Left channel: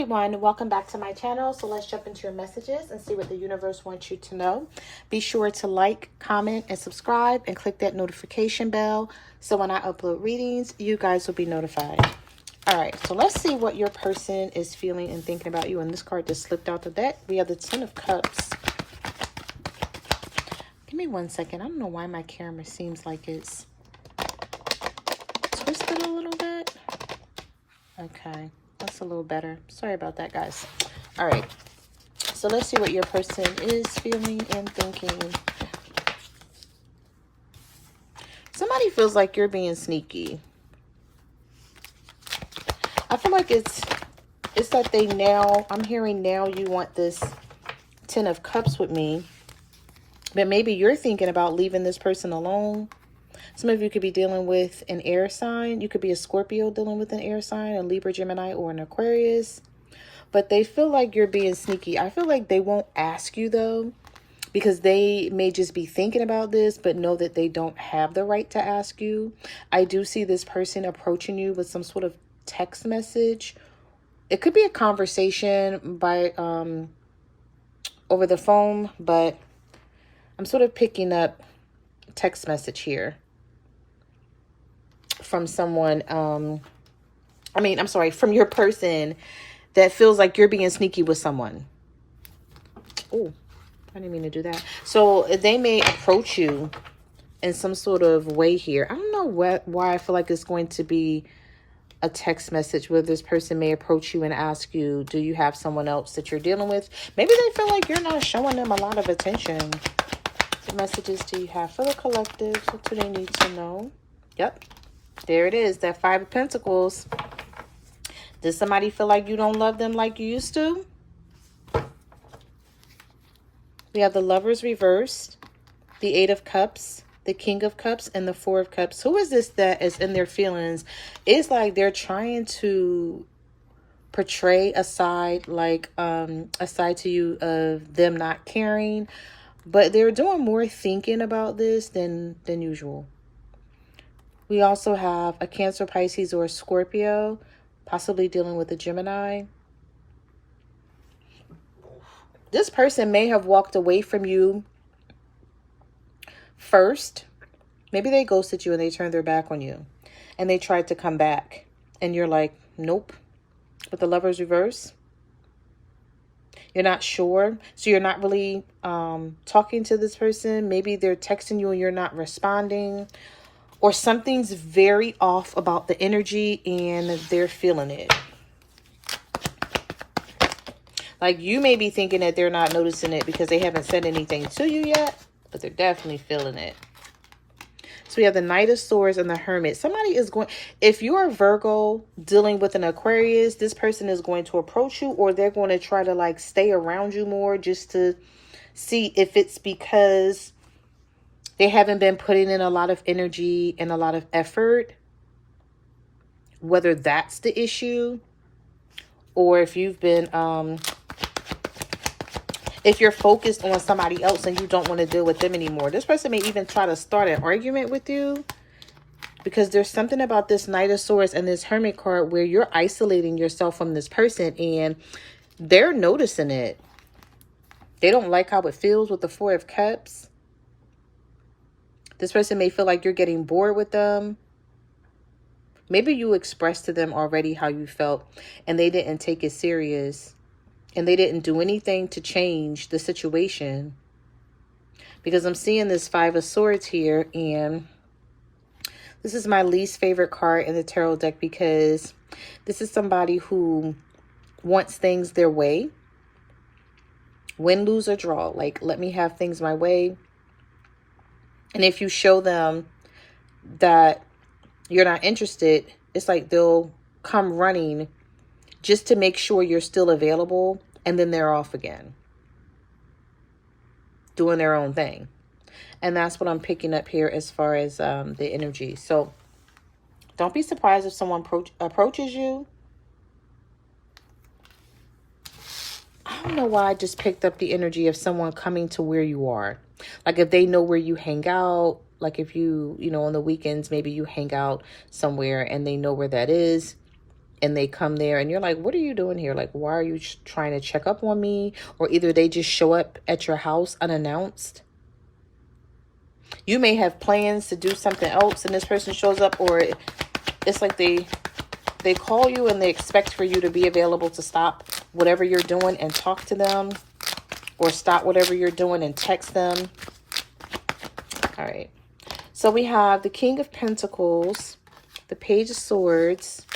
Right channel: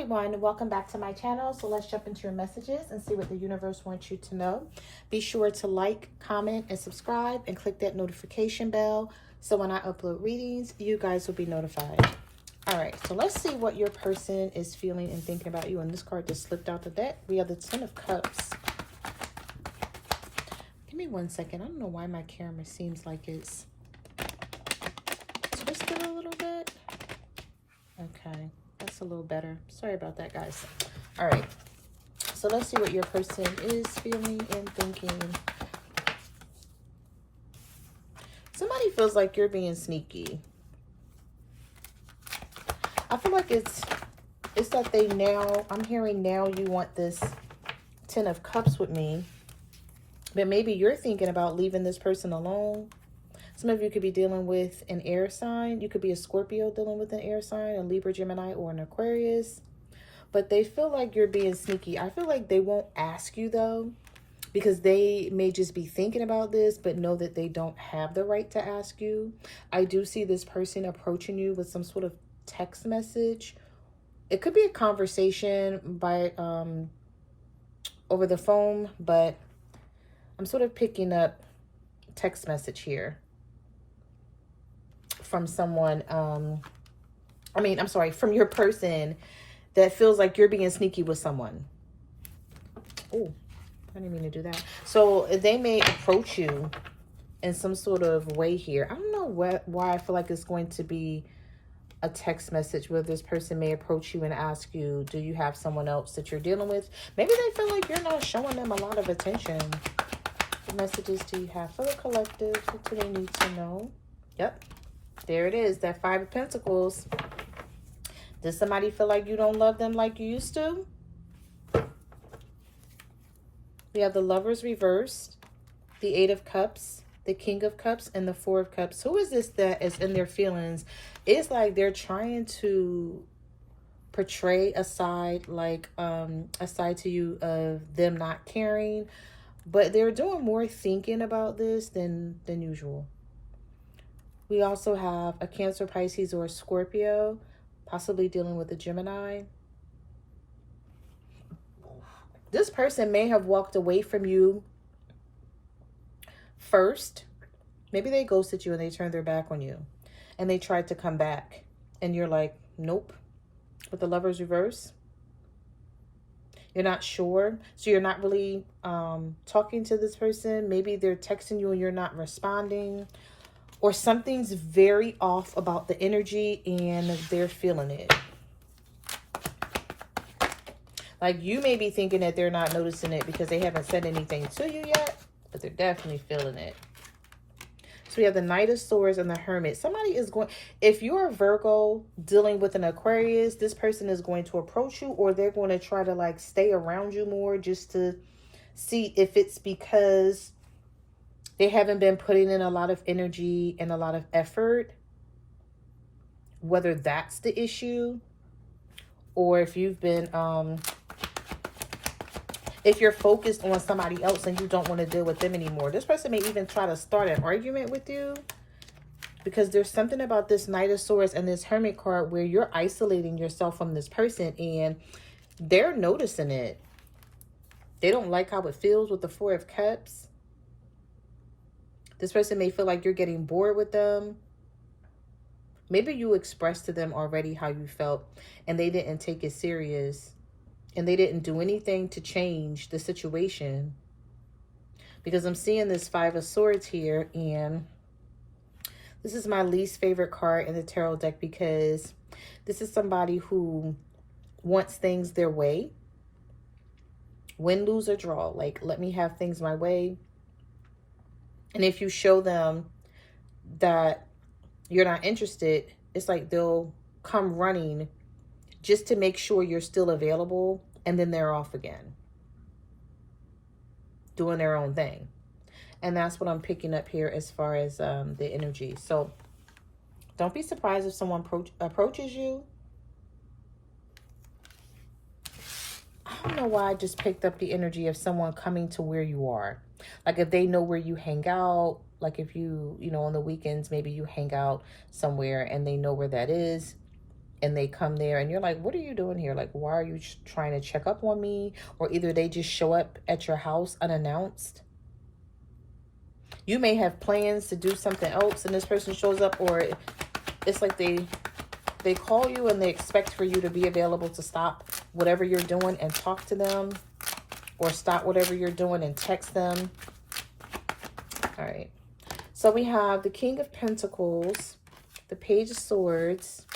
everyone, welcome back to my channel. So let's jump into your messages and see what the universe wants you to know. Be sure to like, comment, and subscribe, and click that notification bell so when I upload readings, you guys will be notified. All right, so let's see what your person is feeling and thinking about you. And this card just slipped out the deck. We have the Ten of Cups. Give me 1 second. I don't know why my camera seems like it's twisted a little bit. Okay. That's a little better. Sorry about that, guys. All right. So let's see what your person is feeling and thinking. Somebody feels like you're being sneaky. I feel like it's like they now, I'm hearing now you want this Ten of Cups with me. But maybe you're thinking about leaving this person alone. Some of you could be dealing with an air sign. You could be a Scorpio dealing with an air sign, a Libra, Gemini, or an Aquarius. But they feel like you're being sneaky. I feel like they won't ask you, though, because they may just be thinking about this, but know that they don't have the right to ask you. I do see this person approaching you with some sort of text message. It could be a conversation by over the phone, but I'm sort of picking up text message here from someone, from your person that feels like you're being sneaky with someone. Oh, I didn't mean to do that. So they may approach you in some sort of way here. I don't know why I feel like it's going to be a text message where this person may approach you and ask you, do you have someone else that you're dealing with? Maybe they feel like you're not showing them a lot of attention. What messages do you have for the collective? What do they need to know? Yep. There it is, that Five of Pentacles. Does somebody feel like you don't love them like you used to? We have the Lovers reversed, the Eight of Cups, the King of Cups, and the Four of Cups. Who is this that is in their feelings? It's like they're trying to portray a side, like a side to you of them not caring, but they're doing more thinking about this than usual. We also have a Cancer, Pisces, or a Scorpio, possibly dealing with a Gemini. This person may have walked away from you first. Maybe they ghosted you and they turned their back on you. And they tried to come back. And you're like, nope. With the Lovers reverse. You're not sure. So you're not really talking to this person. Maybe they're texting you and you're not responding. Or something's very off about the energy and they're feeling it. Like you may be thinking that they're not noticing it because they haven't said anything to you yet, but they're definitely feeling it. So we have the Knight of Swords and the Hermit. Somebody is going, if you're a Virgo dealing with an Aquarius, this person is going to approach you, or they're going to try to like stay around you more just to see if it's because they haven't been putting in a lot of energy and a lot of effort, whether that's the issue, or if you've been, if you're focused on somebody else and you don't want to deal with them anymore. This person may even try to start an argument with you because there's something about this Knight of Swords and this Hermit card where you're isolating yourself from this person and they're noticing it. They don't like how it feels with the Four of Cups. This person may feel like you're getting bored with them. Maybe you expressed to them already how you felt and they didn't take it serious. And they didn't do anything to change the situation. Because I'm seeing this Five of Swords here. And this is my least favorite card in the tarot deck because this is somebody who wants things their way. Win, lose, or draw. Like, let me have things my way. And if you show them that you're not interested, it's like they'll come running just to make sure you're still available. And then they're off again, doing their own thing. And that's what I'm picking up here as far as the energy. So don't be surprised if someone approaches you. I don't know why I just picked up the energy of someone coming to where you are. Like if they know where you hang out, like if you know, on the weekends, maybe you hang out somewhere and they know where that is. and they come there and you're like, what are you doing here? Like, why are you trying to check up on me? Or either they just show up at your house unannounced. You may have plans to do something else and this person shows up, or it's like they call you and they expect for you to be available to stop whatever you're doing and talk to them, or stop whatever you're doing and text them. All right. So we have the King of Pentacles, the Page of Swords,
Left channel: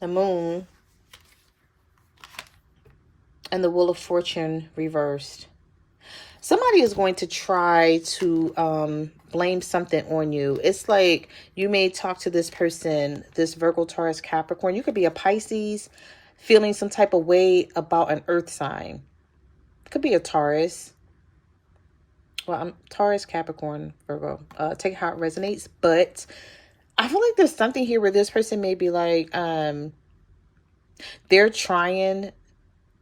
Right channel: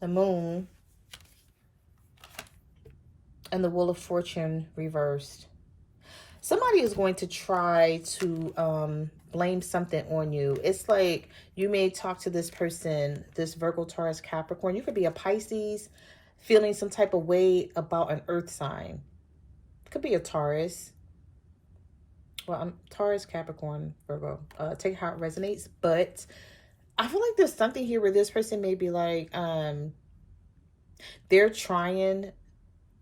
the Moon, and the Wheel of Fortune reversed. Somebody is going to try to blame something on you. It's like you may talk to this person, this Virgo, Taurus, Capricorn. You could be a Pisces, feeling some type of way about an earth sign. Could be a Taurus. Well, I'm Taurus, Capricorn, Virgo. Take how it resonates. But I feel like there's something here where this person may be like, they're trying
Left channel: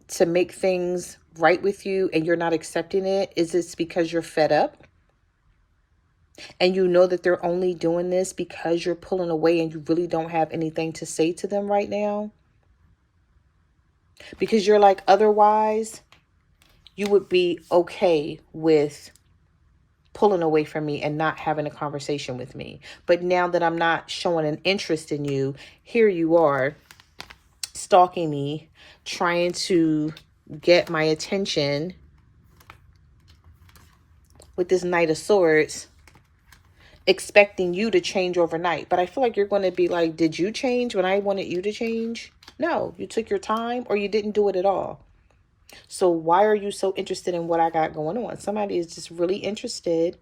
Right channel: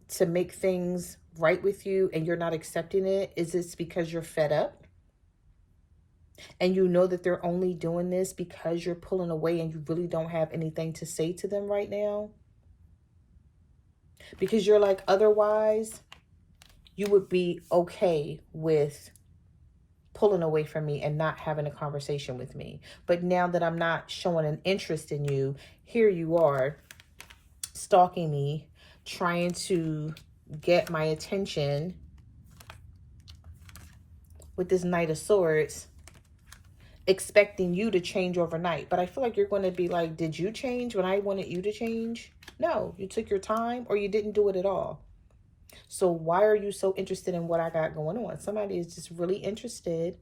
to make things right with you and you're not accepting it. Is this because you're fed up? And you know that they're only doing this because you're pulling away and you really don't have anything to say to them right now? Because you're like, otherwise, you would be okay with pulling away from me and not having a conversation with me. But now that I'm not showing an interest in you, here you are stalking me, trying to get my attention with this Knight of Swords, expecting you to change overnight. But I feel like you're going to be like, did you change when I wanted you to change? No, you took your time or you didn't do it at all. So why are you so interested in what I got going on? Somebody is just really interested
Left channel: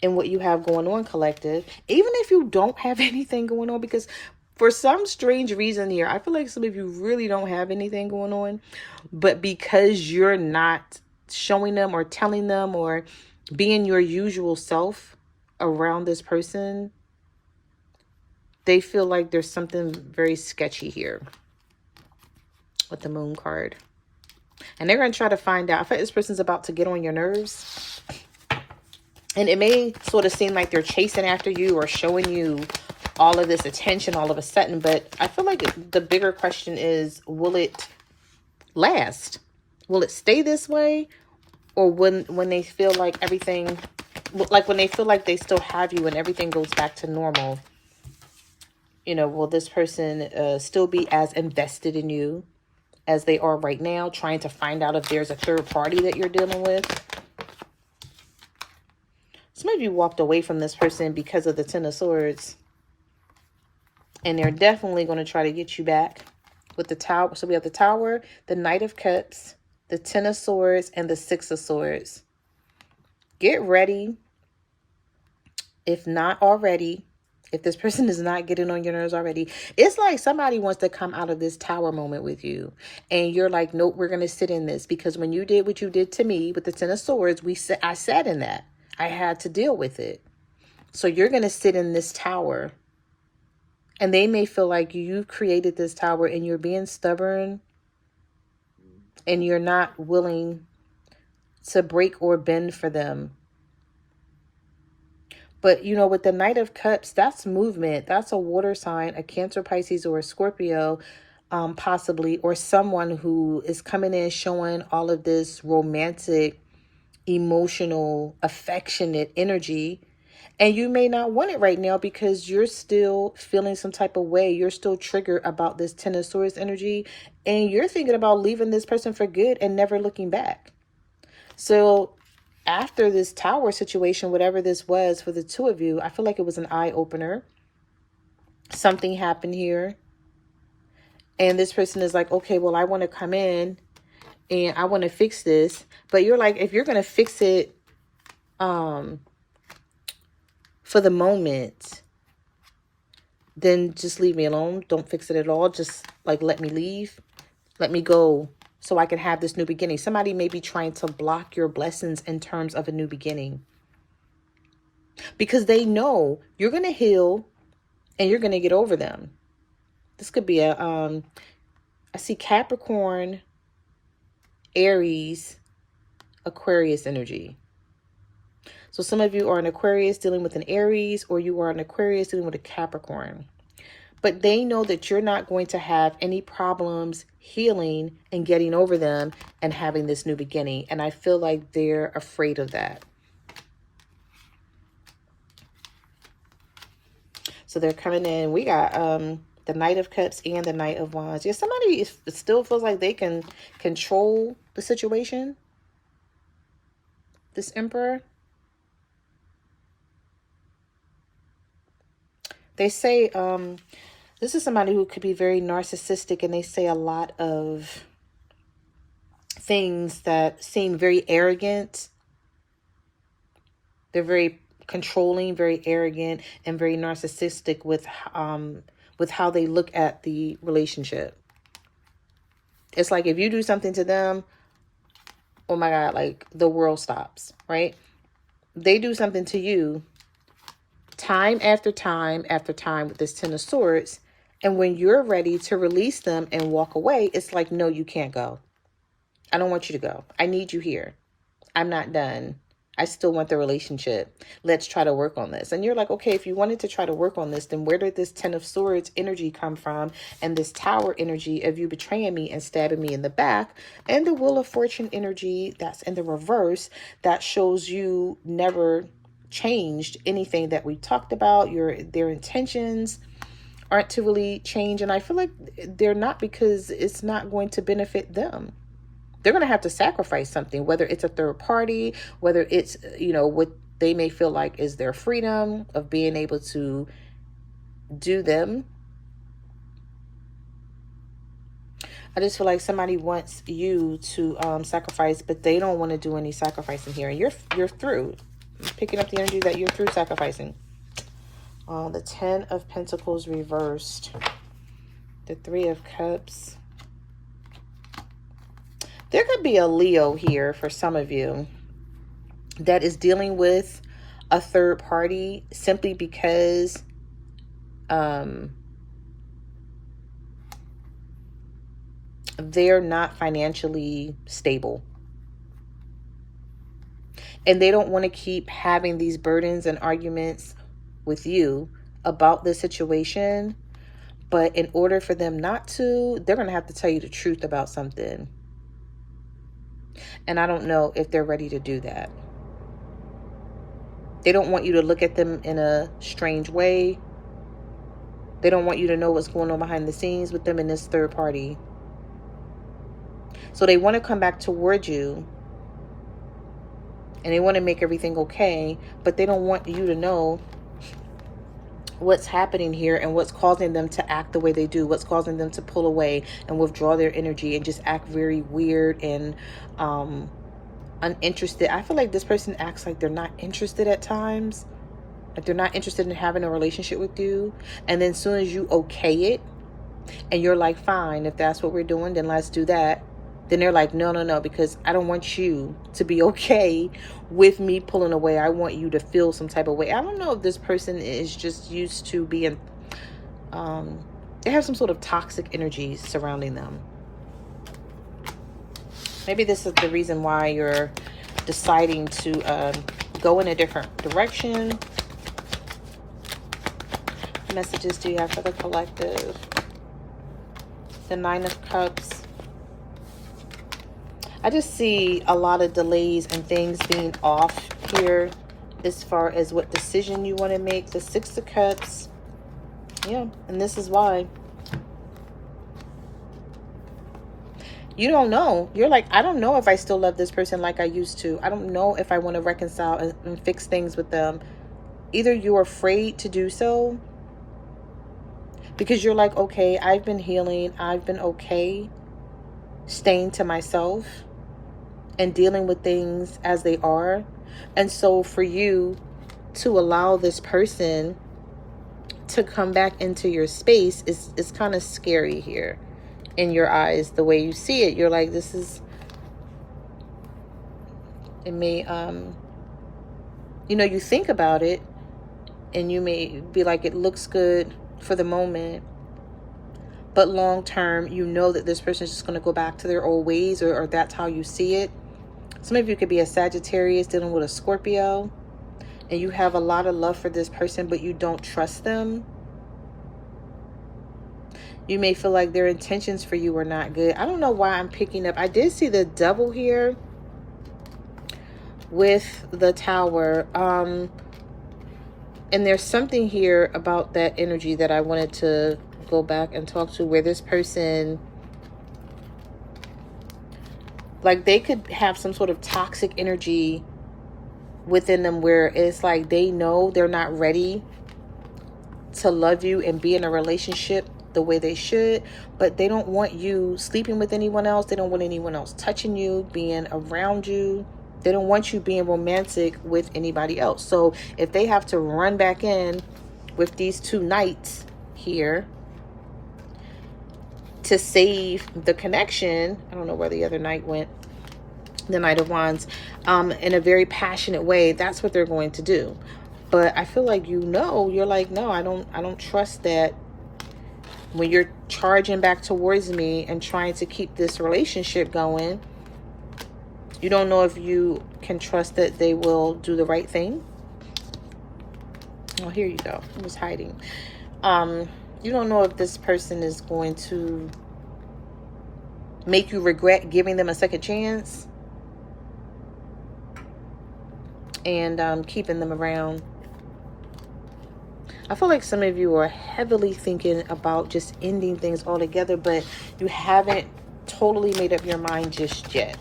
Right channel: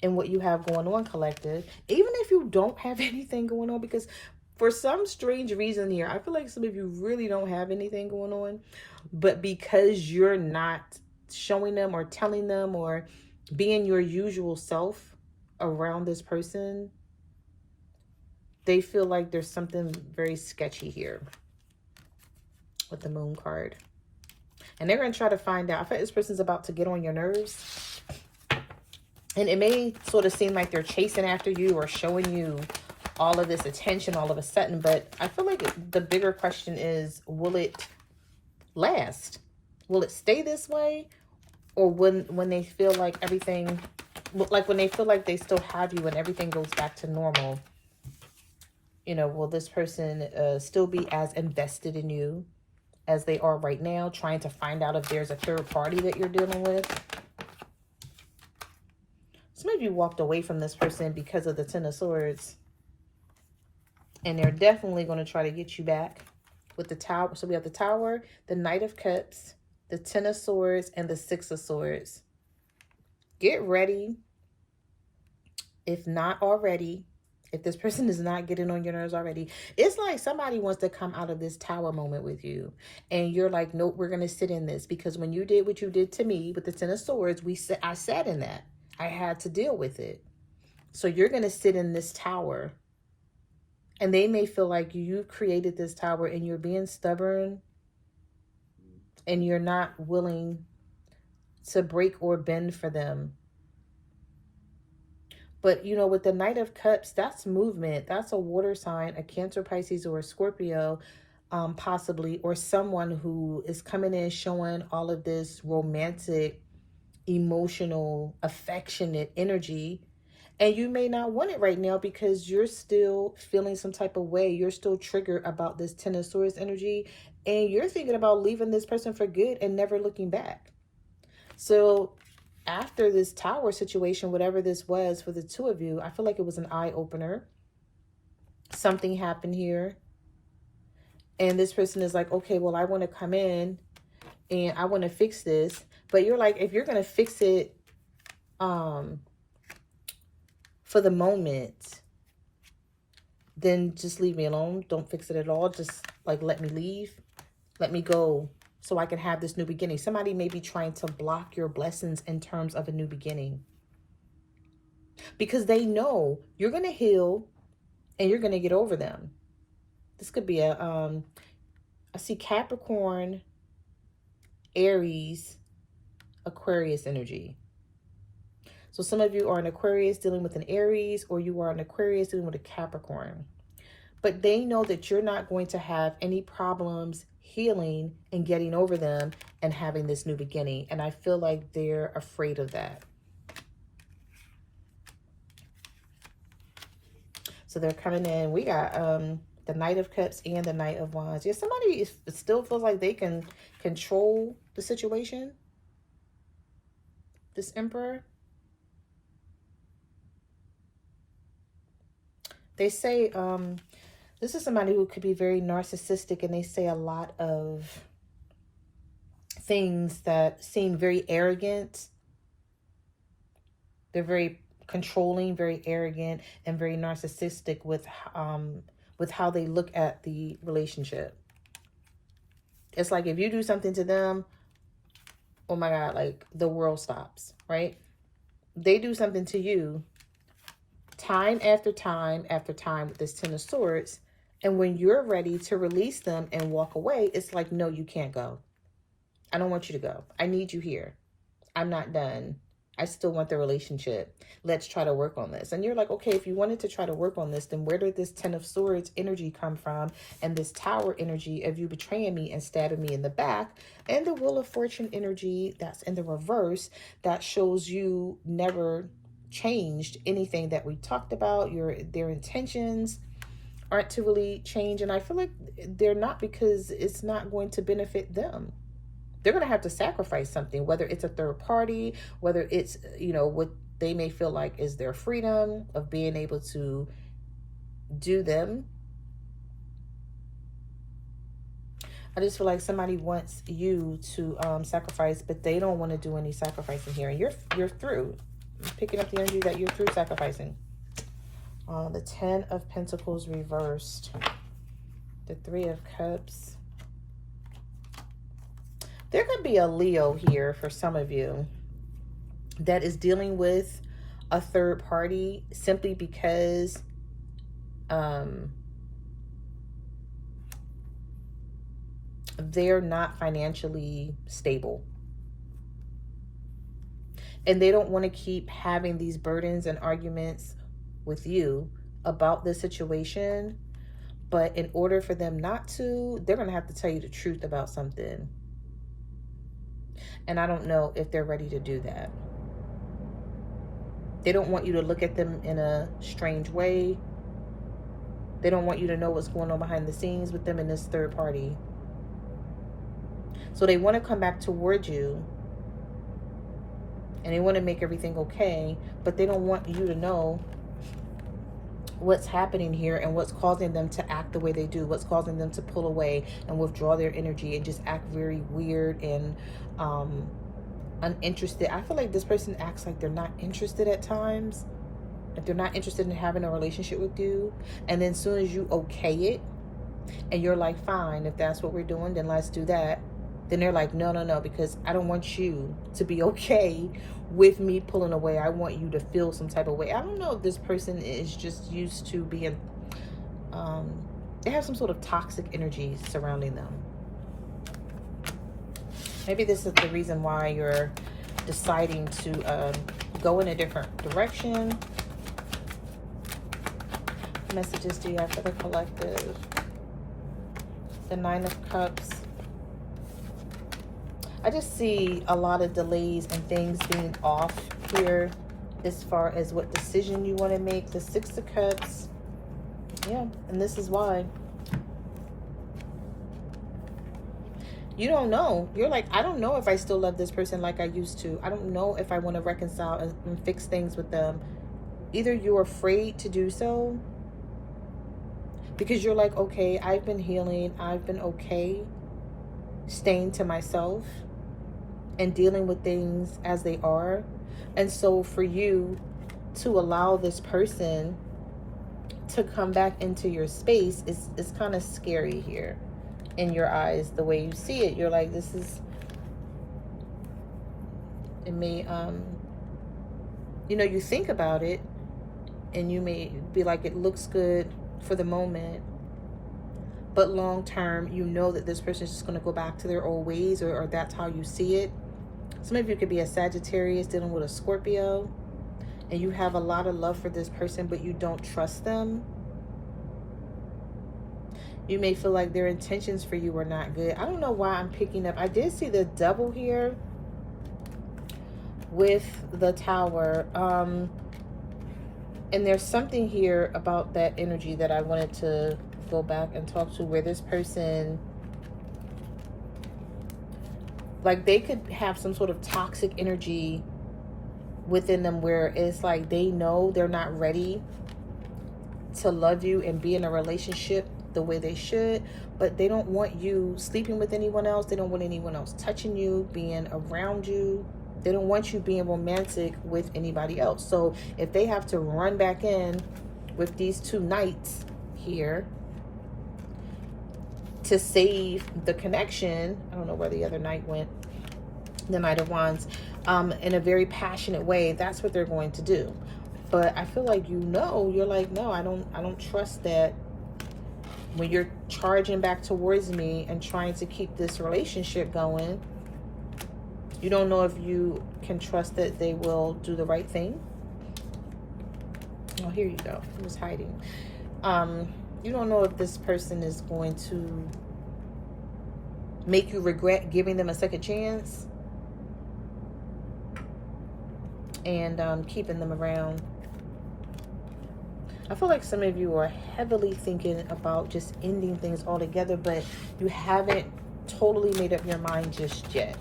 in what you have going on, collective. Even if you don't have anything going on, because for some strange reason here, I feel like some of you really don't have anything going on. But because you're not showing them or telling them or being your usual self around this person, they feel like there's something very sketchy here with the Moon card. And they're going to try to find out. I feel like this person's about to get on your nerves. And it may sort of seem like they're chasing after you or showing you all of this attention all of a sudden. But I feel like the bigger question is, will it last? Will it stay this way? Or when they feel like everything, like when they feel like they still have you and everything goes back to normal, you know, will this person still be as invested in you as they are right now, trying to find out if there's a third party that you're dealing with? Some of you walked away from this person because of the Ten of Swords. And they're definitely going to try to get you back with the Tower. So we have the Tower, the Knight of Cups, the Ten of Swords, and the Six of Swords. Get ready. If not already, if this person is not getting on your nerves already, it's like somebody wants to come out of this Tower moment with you. And you're like, nope, we're going to sit in this. Because when you did what you did to me with the Ten of Swords, I sat in that. I had to deal with it. So you're going to sit in this Tower. And they may feel like you created this Tower and you're being stubborn. And you're not willing to break or bend for them. But, you know, with the Knight of Cups, that's movement. That's a water sign, a Cancer, Pisces, or a Scorpio, possibly. Or someone who is coming in showing all of this romantic, emotional, affectionate energy. And you may not want it right now because you're still feeling some type of way. You're still triggered about this Ten of Swords energy. And you're thinking about leaving this person for good and never looking back. So after this Tower situation, whatever this was for the two of you, I feel like it was an eye-opener. Something happened here. And this person is like, okay, well, I want to come in and I want to fix this. But you're like, if you're going to fix it for the moment, then just leave me alone. Don't fix it at all. Just like, let me leave. Let me go so I can have this new beginning. Somebody may be trying to block your blessings in terms of a new beginning. Because they know you're going to heal and you're going to get over them. This could be a, I see Capricorn, Aries, Aquarius energy. So some of you are an Aquarius dealing with an Aries, or you are an Aquarius dealing with a Capricorn. But they know that you're not going to have any problems healing and getting over them and having this new beginning. And I feel like they're afraid of that. So they're coming in. We got the Knight of Cups and the Knight of Wands. Yeah, somebody still feels like they can control the situation. This Emperor. They say this is somebody who could be very narcissistic, and they say a lot of things that seem very arrogant. They're very controlling, very arrogant, and very narcissistic with how they look at the relationship. It's like if you do something to them, oh my God, like the world stops, right? They do something to you time after time after time with this Ten of Swords. And when you're ready to release them and walk away, it's like, no, you can't go. I don't want you to go. I need you here. I'm not done. I still want the relationship. Let's try to work on this. And you're like, okay, if you wanted to try to work on this, then where did this Ten of Swords energy come from? And this Tower energy of you betraying me and stabbing me in the back. And the Wheel of Fortune energy that's in the reverse that shows you never changed anything that we talked about. Their intentions aren't to really change. And I feel like they're not, because it's not going to benefit them. They're going to have to sacrifice something, whether it's a third party, whether it's, what they may feel like is their freedom of being able to do them. I just feel like somebody wants you to sacrifice, but they don't want to do any sacrificing here. And you're through. I'm picking up the energy that you're through sacrificing. The Ten of Pentacles reversed. The Three of Cups. There could be a Leo here for some of you that is dealing with a third party simply because they're not financially stable. And they don't want to keep having these burdens and arguments with you about the situation. But in order for them not to, they're going to have to tell you the truth about something. And I don't know if they're ready to do that. They don't want you to look at them in a strange way. They don't want you to know what's going on behind the scenes with them in this third party. So they want to come back towards you. And they want to make everything okay. But they don't want you to know what's happening here and what's causing them to act the way they do, what's causing them to pull away and withdraw their energy and just act very weird and uninterested. I feel like this person acts like they're not interested at times, like they're not interested in having a relationship with you. And then as soon as you okay it and you're like, fine, if that's what we're doing, then let's do that. Then they're like, no, because I don't want you to be okay with me pulling away. I want you to feel some type of way. I don't know if this person is just used to being, they have some sort of toxic energy surrounding them. Maybe this is the reason why you're deciding to go in a different direction. What messages do you have for the collective? The Nine of Cups. I just see a lot of delays and things being off here as far as what decision you want to make. The Six of Cups. Yeah, and this is why. You don't know. You're like, I don't know if I still love this person like I used to. I don't know if I want to reconcile and fix things with them. Either you're afraid to do so because you're like, okay, I've been healing. I've been okay staying to myself and dealing with things as they are. And so for you to allow this person to come back into your space is kind of scary here in your eyes. The way you see it, you're like, this is, it may, you think about it and you may be like, it looks good for the moment, but long term, you know that this person is just going to go back to their old ways, or that's how you see it. Some of you could be a Sagittarius dealing with a Scorpio. and you have a lot of love for this person, but you don't trust them. You may feel like their intentions for you are not good. I don't know why I'm picking up. I did see the devil here with the tower. And there's something here about that energy that I wanted to go back and talk to, where this person, like, they could have some sort of toxic energy within them where it's like they know they're not ready to love you and be in a relationship the way they should, but they don't want you sleeping with anyone else. They don't want anyone else touching you, being around you. They don't want you being romantic with anybody else. So if they have to run back in with these two knights here to save the connection, I don't know where the other knight went, the Knight of Wands, in a very passionate way, that's what they're going to do. But I feel like, you're like, no, I don't trust that. When you're charging back towards me and trying to keep this relationship going, you don't know if you can trust that they will do the right thing. Oh, here you go. It was hiding. You don't know if this person is going to make you regret giving them a second chance and keeping them around. I feel like some of you are heavily thinking about just ending things altogether, but you haven't totally made up your mind just yet.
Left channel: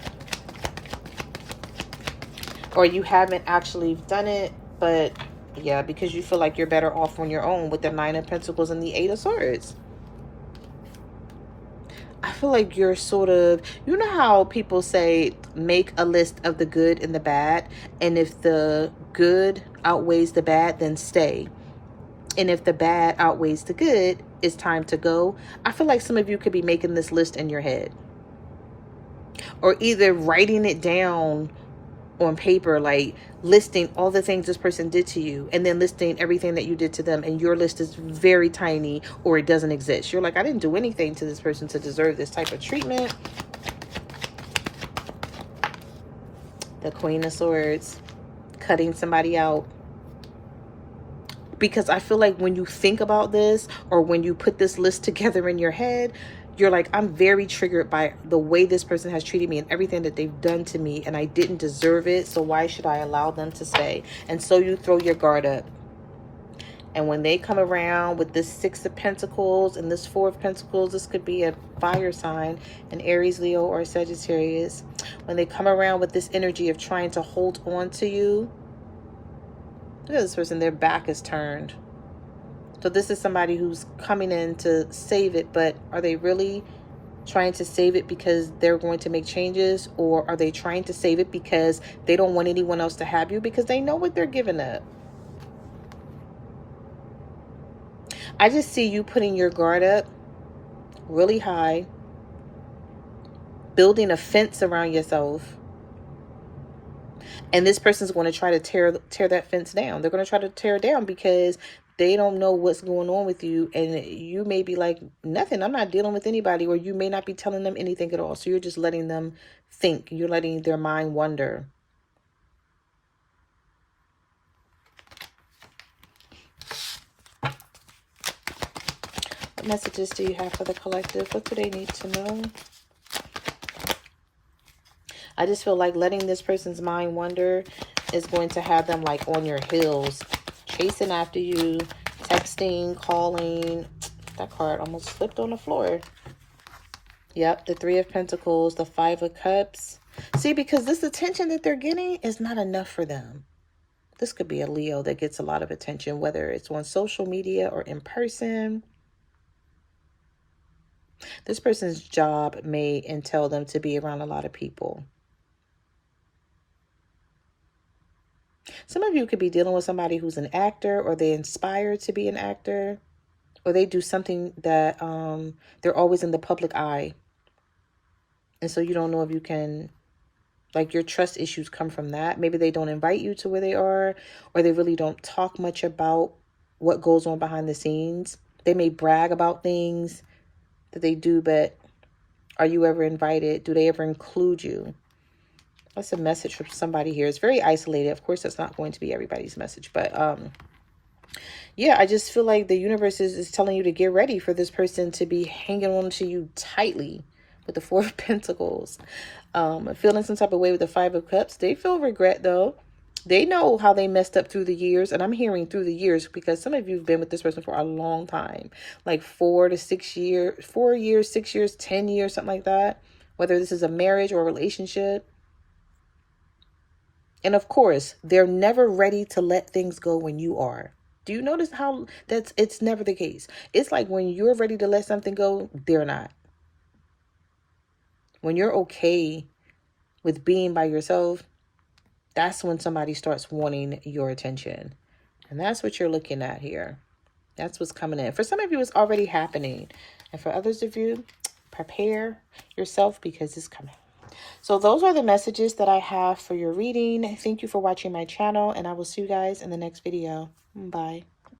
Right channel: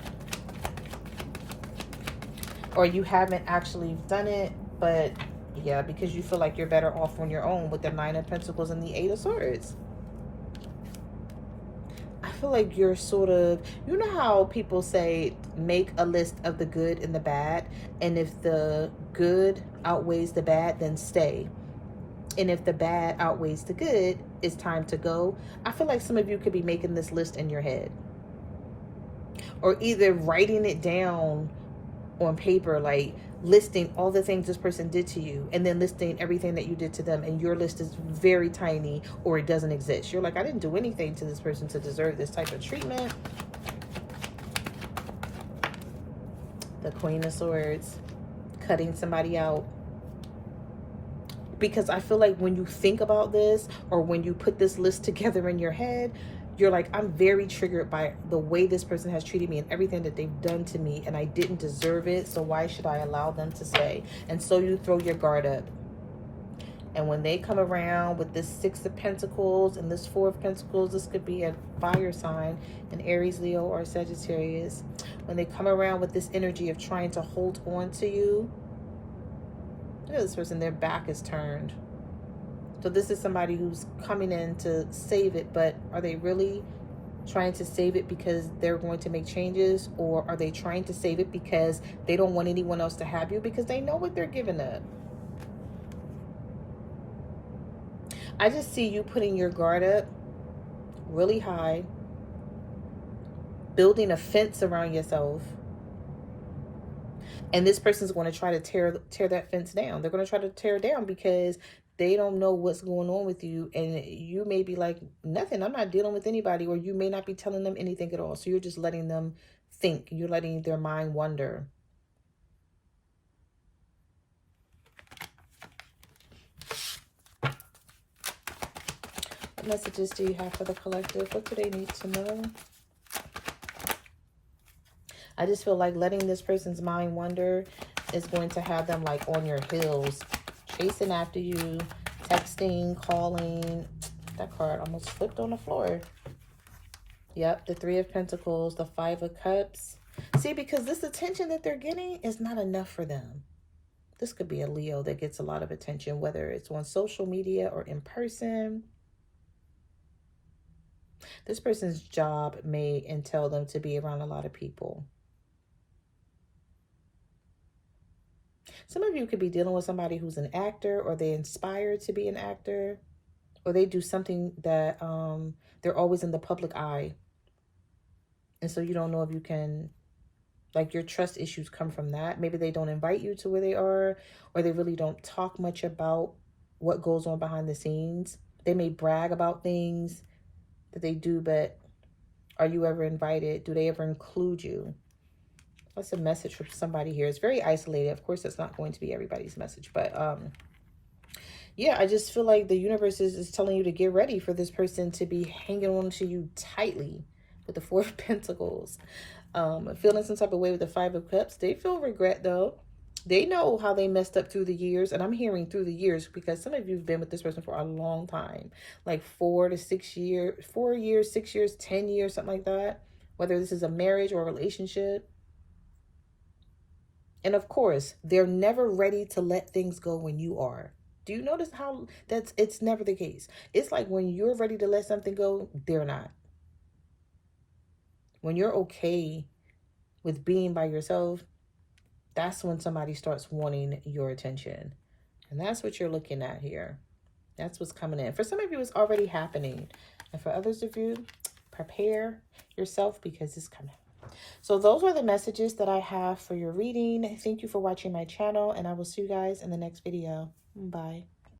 Or you haven't actually done it, but yeah, because you feel like you're better off on your own with the Nine of Pentacles and the Eight of Swords. I feel like you're sort of, you know how people say, make a list of the good and the bad, and if the good outweighs the bad, then stay. And if the bad outweighs the good, it's time to go. I feel like some of you could be making this list in your head, or either writing it down on paper, like listing all the things this person did to you, and then listing everything that you did to them, and your list is very tiny, or it doesn't exist. You're like, I didn't do anything to this person to deserve this type of treatment. The Queen of Swords, cutting somebody out. Because I feel like when you think about this, or when you put this list together in your head, you're like, I'm very triggered by the way this person has treated me and everything that they've done to me, and I didn't deserve it, so why should I allow them to stay? And so you throw your guard up. And when they come around with this Six of Pentacles and this Four of Pentacles, this could be a fire sign, an Aries, Leo, or Sagittarius. When they come around with this energy of trying to hold on to you, look at this person, their back is turned. So this is somebody who's coming in to save it, but are they really trying to save it because they're going to make changes? Or are they trying to save it because they don't want anyone else to have you, because they know what they're giving up? I just see you putting your guard up really high, building a fence around yourself. And this person's going to try to tear that fence down. They're going to try to tear it down because they don't know what's going on with you. And you may be like, nothing, I'm not dealing with anybody. Or you may not be telling them anything at all. So you're just letting them think. You're letting their mind wander. What messages do you have for the collective? What do they need to know? I just feel like letting this person's mind wander is going to have them like on your heels, chasing after you, texting, calling. That card almost slipped on the floor. Yep, the Three of Pentacles, the Five of Cups. See, because this attention that they're getting is not enough for them. This could be a Leo that gets a lot of attention, whether it's on social media or in person. This person's job may entail them to be around a lot of people. Some of you could be dealing with somebody who's an actor, or they inspire to be an actor, or they do something that they're always in the public eye. And so you don't know if you can, like, your trust issues come from that. Maybe they don't invite you to where they are, or they really don't talk much about what goes on behind the scenes. They may brag about things that they do, but are you ever invited? Do they ever include you? That's a message from somebody here. It's very isolated. Of course, that's not going to be everybody's message. But yeah, I just feel like the universe is telling you to get ready for this person to be hanging on to you tightly with the Four of Pentacles. Feeling some type of way with the Five of Cups. They feel regret, though. They know how they messed up through the years. And I'm hearing through the years because some of you have been with this person for a long time. Like 4 to 6 years, 4 years, 6 years, 10 years, something like that. Whether this is a marriage or a relationship. And of course, they're never ready to let things go when you are. Do you notice how it's never the case? It's like when you're ready to let something go, they're not. When you're okay with being by yourself, that's when somebody starts wanting your attention. And that's what you're looking at here. That's what's coming in. For some of you, it's already happening. And for others of you, prepare yourself because it's coming. So those are the messages that I have for your reading. Thank you for watching my channel, and I will see you guys in the next video. Bye.